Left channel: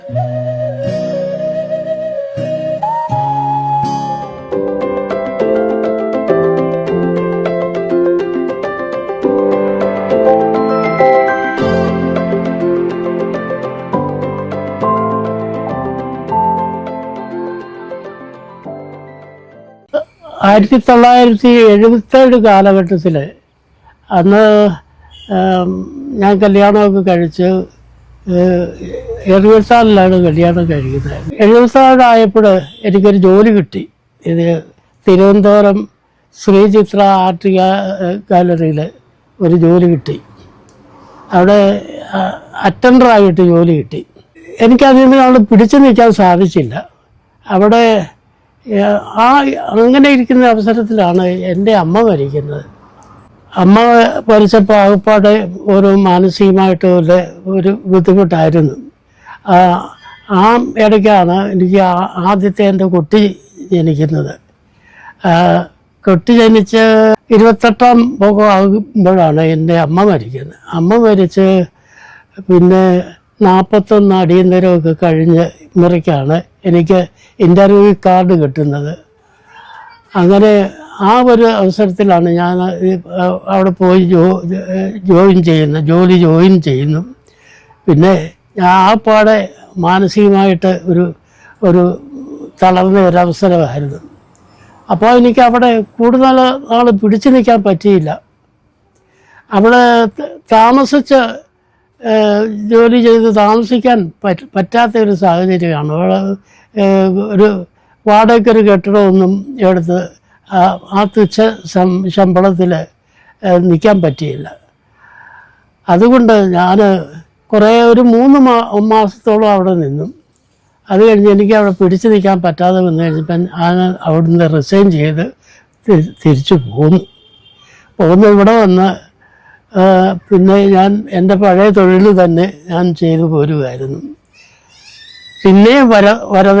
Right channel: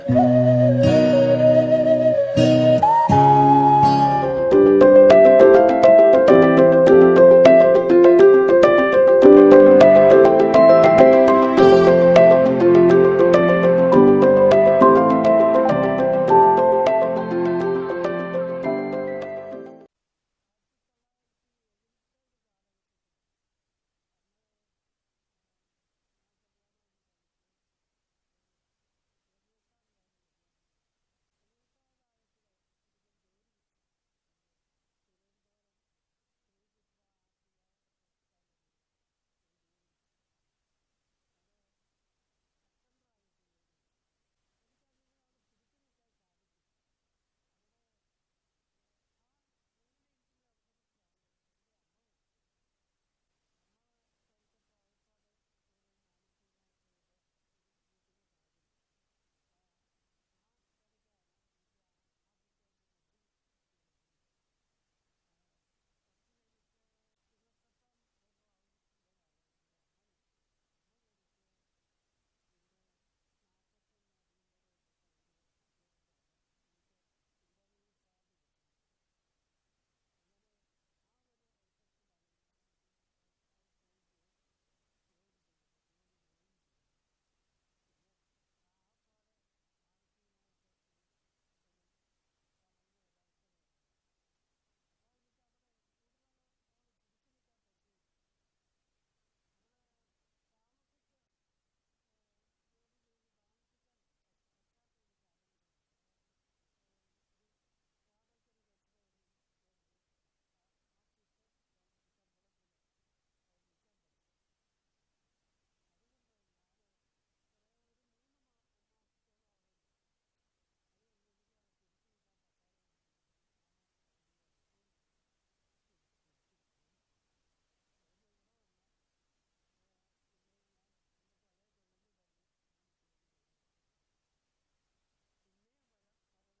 1977 കാലഘട്ടത്തിൽ അന്ന് ഞാൻ കല്യാണമൊക്കെ കഴിച്ച് 74 കല്യാണം കഴിക്കുന്നത്. 74 എനിക്കൊരു ജോലി കിട്ടി. ഇത് തിരുവനന്തപുരം ശ്രീചിത്ര ആർട്ട് ഗാലറിയിൽ ഒരു ജോലി കിട്ടി. അവിടെ അറ്റൻഡറായിട്ട് ജോലി കിട്ടി. എനിക്കതിൽ നിന്ന് പിടിച്ചു നിൽക്കാൻ സാധിച്ചില്ല. അവിടെ അങ്ങനെ ഇരിക്കുന്ന അവസരത്തിലാണ് എൻ്റെ അമ്മ മരിക്കുന്നത്. അമ്മ മരിച്ചപ്പോൾ ആകപ്പാടെ ഒരു മാനസികമായിട്ട് ഒരു ബുദ്ധിമുട്ടായിരുന്നു. ആ ഇടയ്ക്കാണ് എനിക്ക് ആദ്യത്തെ എൻ്റെ കുട്ടി ജനിക്കുന്നത്. കുട്ടി ജനിച്ച് 28-ാം പോകം ആകുമ്പോഴാണ് എൻ്റെ അമ്മ മരിക്കുന്നത്. അമ്മ മരിച്ച് പിന്നെ 41 അടിയന്തരമൊക്കെ കഴിഞ്ഞ് മുറയ്ക്കാണ് എനിക്ക് ഇൻ്റർവ്യൂ കാർഡ് കിട്ടുന്നത്. അങ്ങനെ ആ ഒരു അവസരത്തിലാണ് ഞാൻ അവിടെ പോയി ജോയിൻ ചെയ്യുന്നു. പിന്നെ ആ പാടെ മാനസികമായിട്ട് ഒരു തളർന്ന ഒരവസരമായിരുന്നു. അപ്പോൾ എനിക്ക് അവിടെ കൂടുതൽ നാൾ പിടിച്ചു നിൽക്കാൻ പറ്റിയില്ല. അവിടെ താമസിച്ച് ജോലി ചെയ്ത് താമസിക്കാൻ പറ്റാത്ത ഒരു സാഹചര്യമാണ്. ഒരു വാടകയ്ക്കൊരു കെട്ടിടമൊന്നും എടുത്ത് ആ തുച്ഛ ശമ്പളത്തിൽ നിൽക്കാൻ പറ്റിയില്ല. അതുകൊണ്ട് ഞാൻ ഒരു 3 മാസത്തോളം അവിടെ നിന്നു. അത് കഴിഞ്ഞ് എനിക്ക് അവിടെ പിടിച്ചു നിൽക്കാൻ പറ്റാതെ വന്നു കഴിഞ്ഞപ്പം ഞാൻ അവിടുന്ന് റിസൈൻ ചെയ്ത് തിരിച്ചു പോന്നു. ഇവിടെ വന്ന് പിന്നെ ഞാൻ എൻ്റെ പഴയ തൊഴിൽ തന്നെ ഞാൻ ചെയ്തു പോരുമായിരുന്നു. പിന്നെ വര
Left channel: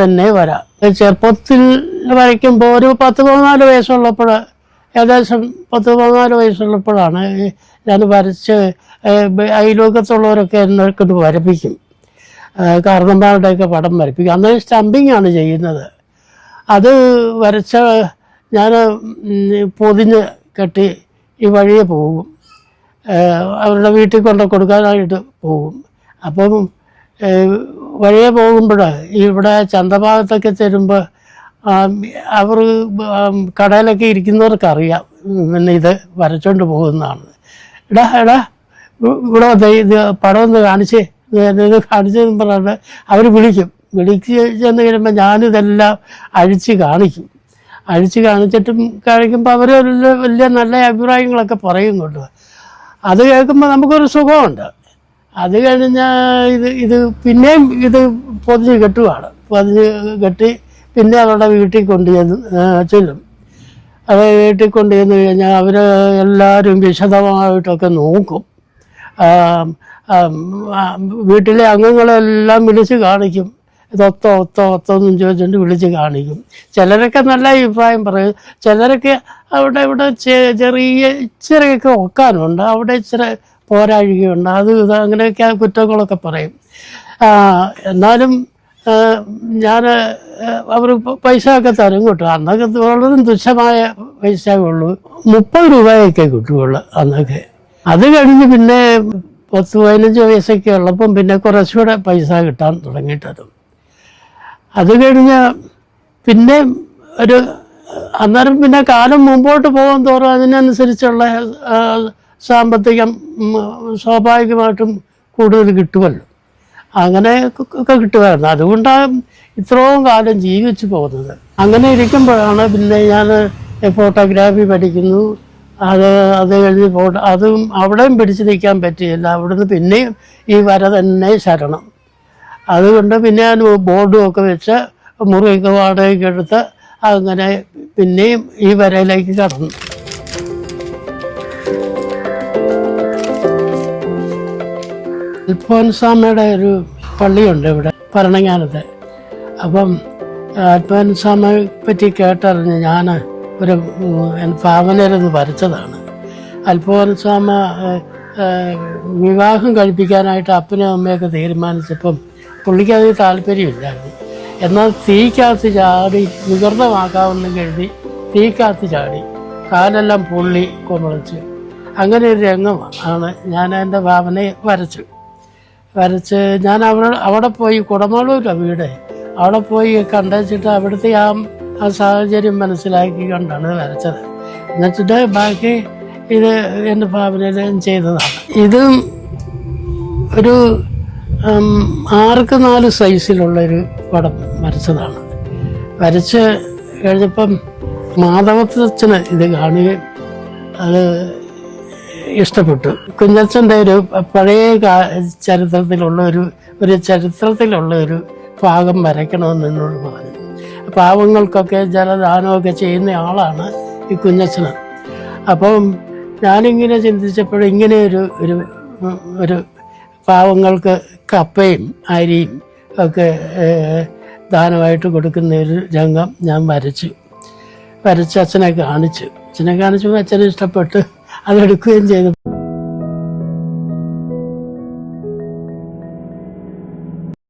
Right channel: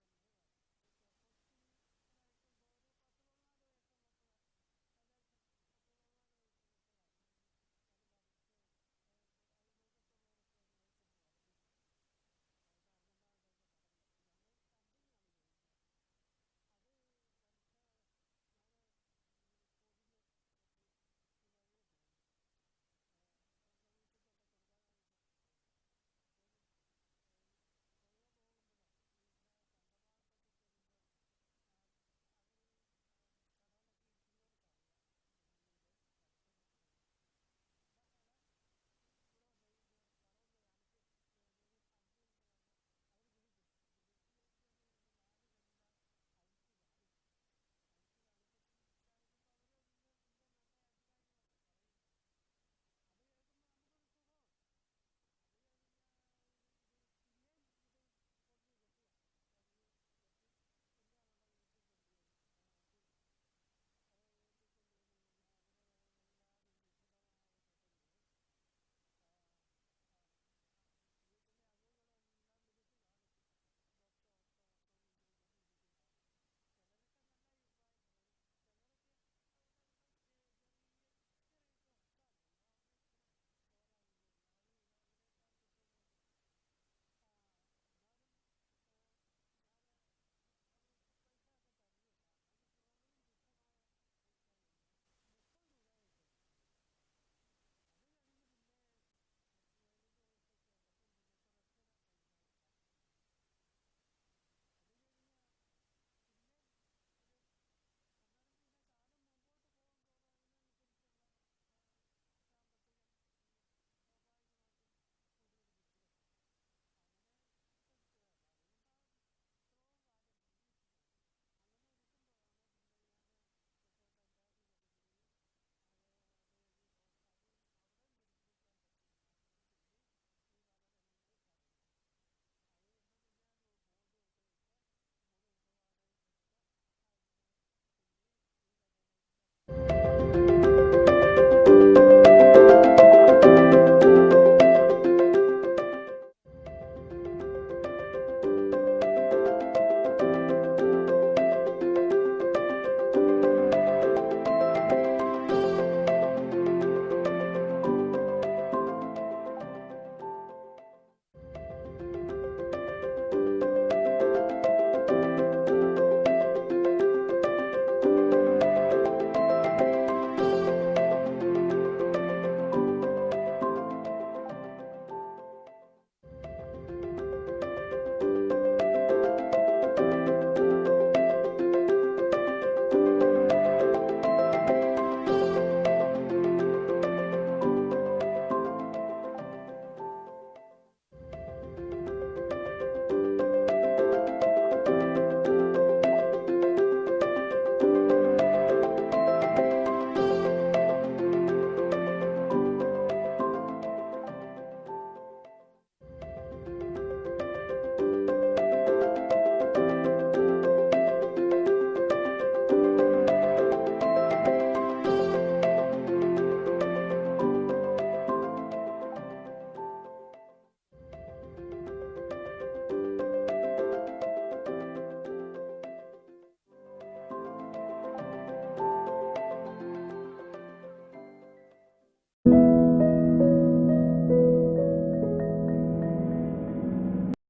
തന്നെ വരാം. ചെറുപ്പത്തിൽ വരയ്ക്കുമ്പോൾ ഒരു 10-14 വയസ്സുള്ളപ്പോൾ, ഏകദേശം 10-14 വയസ്സുള്ളപ്പോഴാണ് ഞാൻ വരച്ച് അയൽവക്കത്തുള്ളവരൊക്കെ എന്നെ കൊണ്ട് വരപ്പിക്കും. കാരണന്മാരുടെയൊക്കെ പടം വരപ്പിക്കും. അന്ന് സ്റ്റമ്പിങ്ങാണ് ചെയ്യുന്നത്. അത് വരച്ച ഞാൻ പൊതിഞ്ഞ് കെട്ടി ഈ വഴിയെ പോകും. അവരുടെ വീട്ടിൽ കൊടുക്കാനായിട്ട് പോകും. അപ്പം വഴിയെ പോകുമ്പോൾ ഇവിടെ ചന്തഭാഗത്തൊക്കെ ചെല്ലുമ്പോൾ അവർ കടയിലൊക്കെ ഇരിക്കുന്നവർക്കറിയാം പിന്നെ ഇത് വരച്ചോണ്ട് പോകുന്നതാണ്. എടാ ഇവിടെ ഇത് പടം ഒന്ന് ഇത് കാണിച്ചെന്ന് പറഞ്ഞാൽ അവർ വിളിച്ച് ചെന്ന് കഴിയുമ്പോൾ ഞാനിതെല്ലാം അഴിച്ച് കാണിക്കുമ്പോൾ അവർ വലിയ നല്ല അഭിപ്രായങ്ങളൊക്കെ പറയുന്നുണ്ട്. അത് കേൾക്കുമ്പോൾ നമുക്കൊരു സുഖമുണ്ട്. അത് കഴിഞ്ഞാൽ ഇത് പിന്നെയും പൊതിഞ്ഞ് കെട്ടി പിന്നെ അവരുടെ വീട്ടിൽ ചെല്ലും. അത് വീട്ടിൽ കൊണ്ടുചെന്ന് കഴിഞ്ഞാൽ അവർ എല്ലാവരും വിശദമായിട്ടൊക്കെ നോക്കും. വീട്ടിലെ അംഗങ്ങളെല്ലാം വിളിച്ച് കാണിക്കും. ഒത്തൊന്നും ചോദിച്ചുകൊണ്ട് വിളിച്ച് കാണിക്കും. ചിലരൊക്കെ നല്ല അഭിപ്രായം പറയും. ചിലരൊക്കെ ഇവിടെ ഇച്ചിരിയൊക്കെ ഒക്കാനുണ്ട്, അവിടെ ഇച്ചിരി പോരാഴികയുണ്ട്, അങ്ങനെയൊക്കെ കുറ്റങ്ങളൊക്കെ പറയും. എന്നാലും ഞാൻ അവർ പൈസ ഒക്കെ തരും കിട്ടും. അന്നൊക്കെ വളരെ തുച്ഛമായ പൈസയേ ഉള്ളൂ. 30 രൂപയൊക്കെ കിട്ടുകയുള്ളൂ അന്നൊക്കെ. അത് കഴിഞ്ഞ് പിന്നെ 10-15 വയസ്സൊക്കെ ഉള്ളപ്പം പിന്നെ കുറച്ചുകൂടെ പൈസ കിട്ടാൻ തുടങ്ങിയിട്ടതും. അത് കഴിഞ്ഞ് പിന്നെ അന്നേരം പിന്നെ കാലം മുമ്പോട്ട് പോകാൻ തോറും അതിനനുസരിച്ചുള്ള സാമ്പത്തികം സ്വാഭാവികമായിട്ടും കൂടുതൽ കിട്ടുമല്ലോ. അങ്ങനെ ഒക്കെ കിട്ടുമായിരുന്നു. അതുകൊണ്ടാണ് ഇത്രയും കാലം ജീവിച്ചു പോകുന്നത്. അങ്ങനെ ഇരിക്കുമ്പോഴാണ് പിന്നെ ഞാൻ ഫോട്ടോഗ്രാഫി പഠിക്കുന്നു. അത് കഴിഞ്ഞ് അതും അവിടെയും പിടിച്ചു നിൽക്കാൻ പറ്റിയില്ല. അവിടുന്ന് പിന്നെയും ഈ വര തന്നെ ശരണം. അതുകൊണ്ട് പിന്നെ ഞാൻ ബോർഡും ഒക്കെ വെച്ച് മുറിയൊക്കെ വാടകയ്ക്ക് എടുത്ത് അങ്ങനെ പിന്നെയും ഈ വരയിലേക്ക് കടന്നു. അൽഫോൻസാമ്മയുടെ ഒരു പള്ളിയുണ്ട് ഇവിടെ ഭരണങ്ങാനത്ത്. അപ്പം അൽഫോൻസാമ്മയെ പറ്റി കേട്ടറിഞ്ഞ് ഞാൻ ഒരു ഭാവനയിലൊന്ന് വരച്ചതാണ്. അൽഫോൻസാമ്മ വിവാഹം കഴിപ്പിക്കാനായിട്ട് അപ്പനും അമ്മയൊക്കെ തീരുമാനിച്ചപ്പം പുള്ളിക്ക് അത് താല്പര്യമില്ലായിരുന്നു. എന്നാൽ തീക്കകത്ത് ചാടി വികൃതമാക്കാമെന്ന് കരുതി തീക്കകത്ത് ചാടി കാലെല്ലാം പൊള്ളി കുമളച്ച്. അങ്ങനെ ഒരു രംഗമാണ് ഞാൻ എൻ്റെ ഭാവനയെ വരച്ച് ഞാൻ അവിടെ പോയി കുടമാളൂരിലാണ് വീട്. അവിടെ പോയി കണ്ടുവച്ചിട്ട് അവിടുത്തെ ആ സാഹചര്യം മനസ്സിലാക്കി കണ്ടാണ് വരച്ചത്. എന്നുവെച്ചിട്ട് ബാക്കി ഇത് എൻ്റെ ഭാവനയിൽ ചെയ്തതാണ്. ഇതും ഒരു 6x4 സൈസിലുള്ളൊരു പടം വരച്ചതാണ്. വരച്ച് കഴിഞ്ഞപ്പം മാധവത്തച്ഛന് ഇത് കാണുകയും അത് ഇഷ്ടപ്പെട്ടു. കുഞ്ഞച്ഛൻ്റെ ഒരു പഴയ ചരിത്രത്തിലുള്ള ഒരു ഭാഗം വരയ്ക്കണമെന്ന് എന്നോട് പറഞ്ഞു. പാവങ്ങൾക്കൊക്കെ ജലദാനമൊക്കെ ചെയ്യുന്ന ആളാണ് ഈ കുഞ്ഞച്ഛന്. അപ്പം ഞാനിങ്ങനെ ചിന്തിച്ചപ്പോഴും ഇങ്ങനെ ഒരു പാവങ്ങൾക്ക് കപ്പയും അരിയും ഒക്കെ ദാനമായിട്ട് കൊടുക്കുന്ന ഒരു രംഗം ഞാൻ വരച്ച് അച്ഛനെ കാണിച്ചപ്പോൾ അച്ഛന് ഇഷ്ടപ്പെട്ട് അതെടുക്കുകയും ചെയ്തു.